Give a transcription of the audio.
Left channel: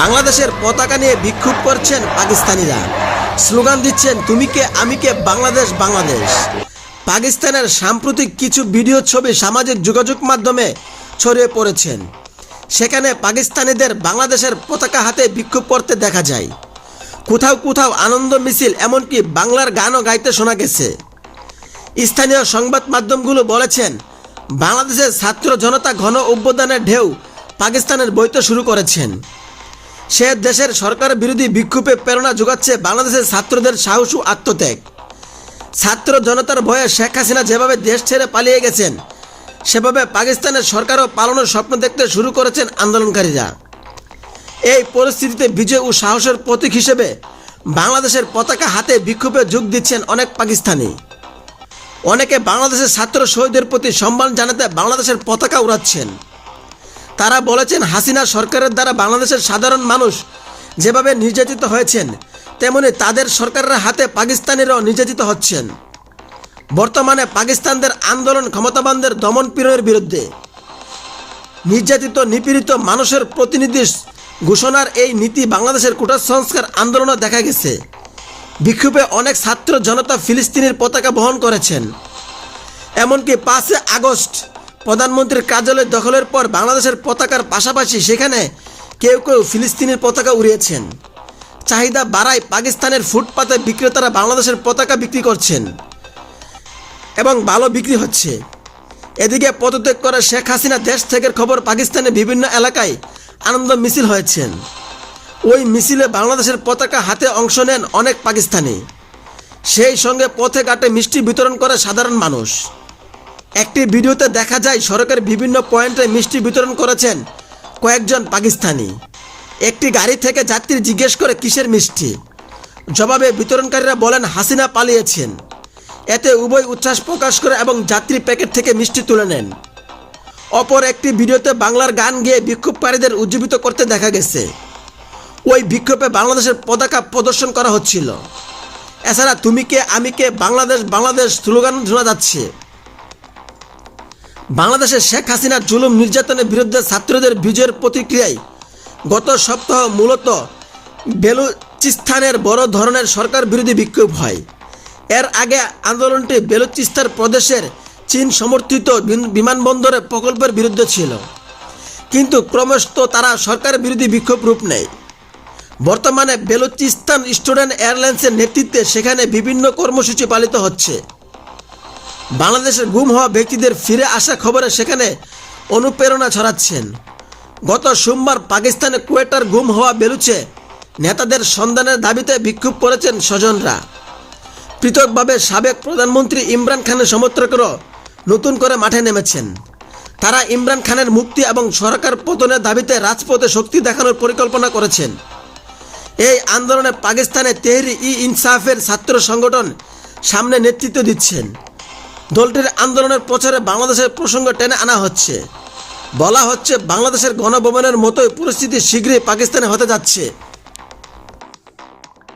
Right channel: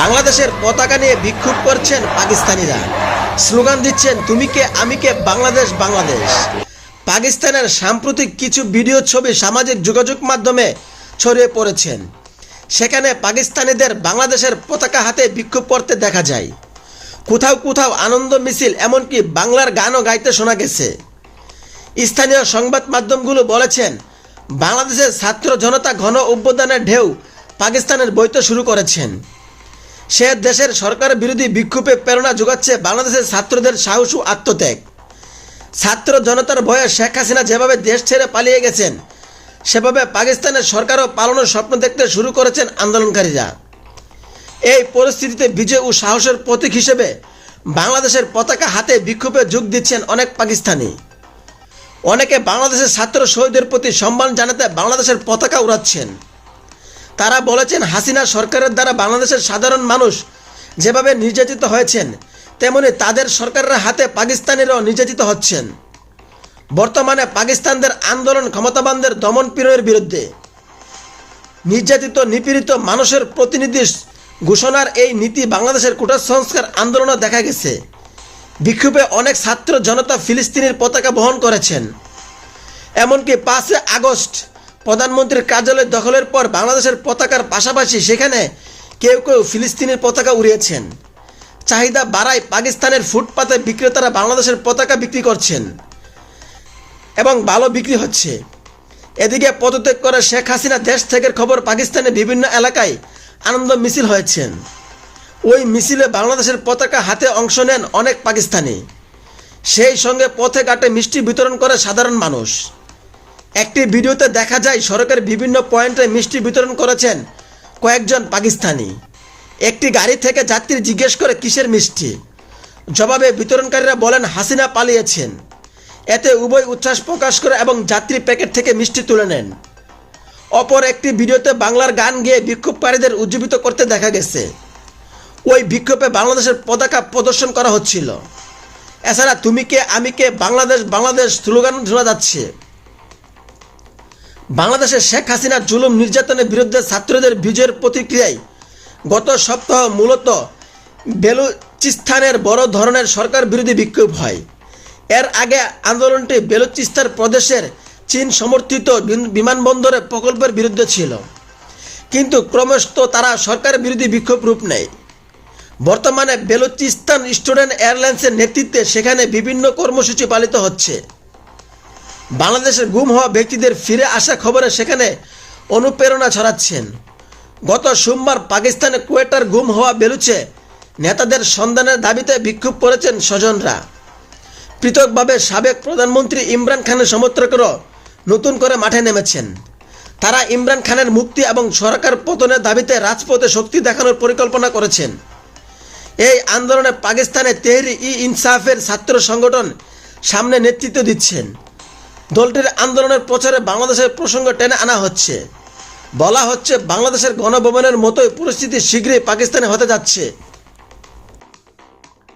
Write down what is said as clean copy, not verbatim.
বাংলাদেশের পতাকা নিয়ে বিক্ষোভ করছেন পাকিস্তানিরা, স্লোগান দিচ্ছেন তুমি কে আমি কে বাংলাদেশ বাংলাদেশ। পাকিস্তানের সাম্প্রতিক কিছু ভিডিও ছবি সামাজিক যোগাযোগ মাধ্যমে ছড়িয়ে পড়েছেন। সেখানে পাকিস্তানিদের বাংলাদেশের পতাকা হাতে বিক্ষোভ করতে দেখা যায়। কোথাও কোথাও আনন্দ মিছিল, এমনকি বাংলার গানও গাইতে শোনা গেছে। স্থানীয় সংবাদ মাধ্যমগুলো বলেছেন বাংলাদেশের ছাত্র জনতা ঘন অভ্যুত্থানের ঢেউ পাকিস্তানের বইতে শুরু করেছেন। সে দেশের সরকার বিরোধী বিক্ষোভে প্রেরণা যোগাচ্ছে বাংলাদেশের ছাত্রদের সাহস ও আত্মত্যাগ। ছাত্র জনতার ভয়ে শেখ হাসিনা যেভাবে দেশ ছেড়ে পালিয়ে গেছেন, সেভাবে পাকিস্তানের সরকারও পালানোর স্বপ্ন দেখতে শুরু করেছেন আন্দোলনকারীরা। এই পরিস্থিতিতে বিজয় ও সাহসের প্রতীক হিসেবে বাংলাদেশের পতাকা হাতে বিক্ষোভে যোগ দিচ্ছেন অনেক পাকিস্তানি। অনেকে বাংলাদেশের ছাত্র শহীদদের প্রতি সম্মান জানাতে বাংলাদেশের পতাকা উড়াচ্ছেন। তারা বলেছেন হাসিনা সরকারের দ্বারা বাংলাদেশের সাধারণ মানুষ যেভাবে নির্যাতিত হয়েছেন, তেমনি তাদের সরকারের হাতে পাকিস্তানিরাও নির্যাতিত হচ্ছেন। বর্তমানে পাকিস্তানদের আন্দোলন ক্ষমতাবানদের দমন পীড়নের বিরুদ্ধে। নির্যাতিত নিপীড়িত মানুষের প্রতিনিধি ঘোষণার এই নীতি বাংলাদেশের কোটা সংস্কার আন্দোলনও দেখা গেছে। বিক্ষোভে অনেক ছাত্র জনতা ফিলিস্তিনের পতাকা বহন করেছেন। এমনকি 5 আগস্ট প্রধানমন্ত্রীর কার্যালয় দখলের পর বাংলাদেশের পতাকার পাশাপাশি সেখানে কেউ কেউ ফিলিস্তিনের পতাকা উড়িয়েছেন। চাহিদা বাড়ায় পাকিস্তানের ফুটপাতে বিক্রেতারা বাংলাদেশের পতাকা বিক্রি করছেন এবং ভালো বিক্রি হচ্ছে। এদিকে পদত্যাগ করে শেখ হাসিনা দেশ থেকে খবর পাকিস্তানের বিভিন্ন এলাকায় আনন্দ মিছিল হয়েছেন। ওই মিছিলে বাংলাদেশের পতাকা হাতে অংশ নেন অনেক পাকিস্তানি। সেই সঙ্গে পথে ঘাটে মিষ্টি বিতরণ করে সাধারণ মানুষ। একটি ভিডিওতে দেখা যায় সড়কের বিভিন্ন পয়েন্টে মিষ্টি বিতরণ করেছেন কয়েকজন পাকিস্তানি। একটি গাড়ি থেকে যাত্রী জিজ্ঞেস করে কিসের মিষ্টি, জবাবে বিতরণকারীরা বলেন হাসিনা পালিয়েছেন। এতে উভয় উচ্ছ্বাস প্রকাশ করে এবং যাত্রী প্যাকেট থেকে মিষ্টি তুলে নেন। অপর একটি ভিডিওতে বাংলার গান গেয়ে বিক্ষোভকারীদের উজ্জীবিত করতে দেখা গেছে। ওই বিক্ষোভে বাংলাদেশের পতাকা প্রদর্শন করা হচ্ছিল। এছাড়া তুমি কে আমি কে বাংলাদেশ বাংলাদেশ স্লোগান শোনা যাচ্ছে। বাংলাদেশের শেখ হাসিনার জুলুম নির্যাতনের বিরুদ্ধে ছাত্রদের বিজয়ের প্রতিক্রিয়ায় গত সপ্তাহ মূলত বেলুচিস্তানের বড় ধরনের সরকার বিরোধী বিক্ষোভ হয়। এর আগে আন্দোলনটি বেলুচিস্তান প্রদেশের চীন সমর্থিত বিমানবন্দরের প্রকল্পের বিরুদ্ধে ছিল, কিন্তু ক্রমশ তারা সরকার বিরোধী বিক্ষোভ রূপ নেয়। বর্তমানে বেলুচিস্তান স্টুডেন্ট এয়ারলাইন্সের নেতৃত্বে সেখানে বিভিন্ন কর্মসূচি পালিত হচ্ছে। বাংলাদেশের গুম হওয়া ব্যক্তিদের ফিরে আসা খবরে সেখানে অনুপ্রেরণা ছড়াচ্ছেন। গত সোমবার পাকিস্তানে কোয়েটার গুম হওয়া বেলুচে নেতাদের সন্ধানের দাবিতে বিক্ষোভ করেছেন স্বজনরা। পৃথকভাবে সাবেক প্রধানমন্ত্রী ইমরান খানের সমর্থকরাও নতুন করে মাঠে নেমেছেন। তারা ইমরান খানের মুক্তি এবং সরকার পতনের দাবিতে রাজপথে শক্তি দেখানোর পরিকল্পনা করেছেন। এই আন্দোলনে পাকিস্তানে তেহরিক-ই-ইনসাফের ছাত্র সংগঠন সামনে নেতৃত্ব দিচ্ছেন। দলটির আন্দোলনের প্রচারে বাংলাদেশের প্রসঙ্গ টেনে আনা হচ্ছে। বলা হচ্ছে বাংলাদেশের গণভবনের মতোই পরিস্থিতি শীঘ্রই পাকিস্তানে হতে যাচ্ছে।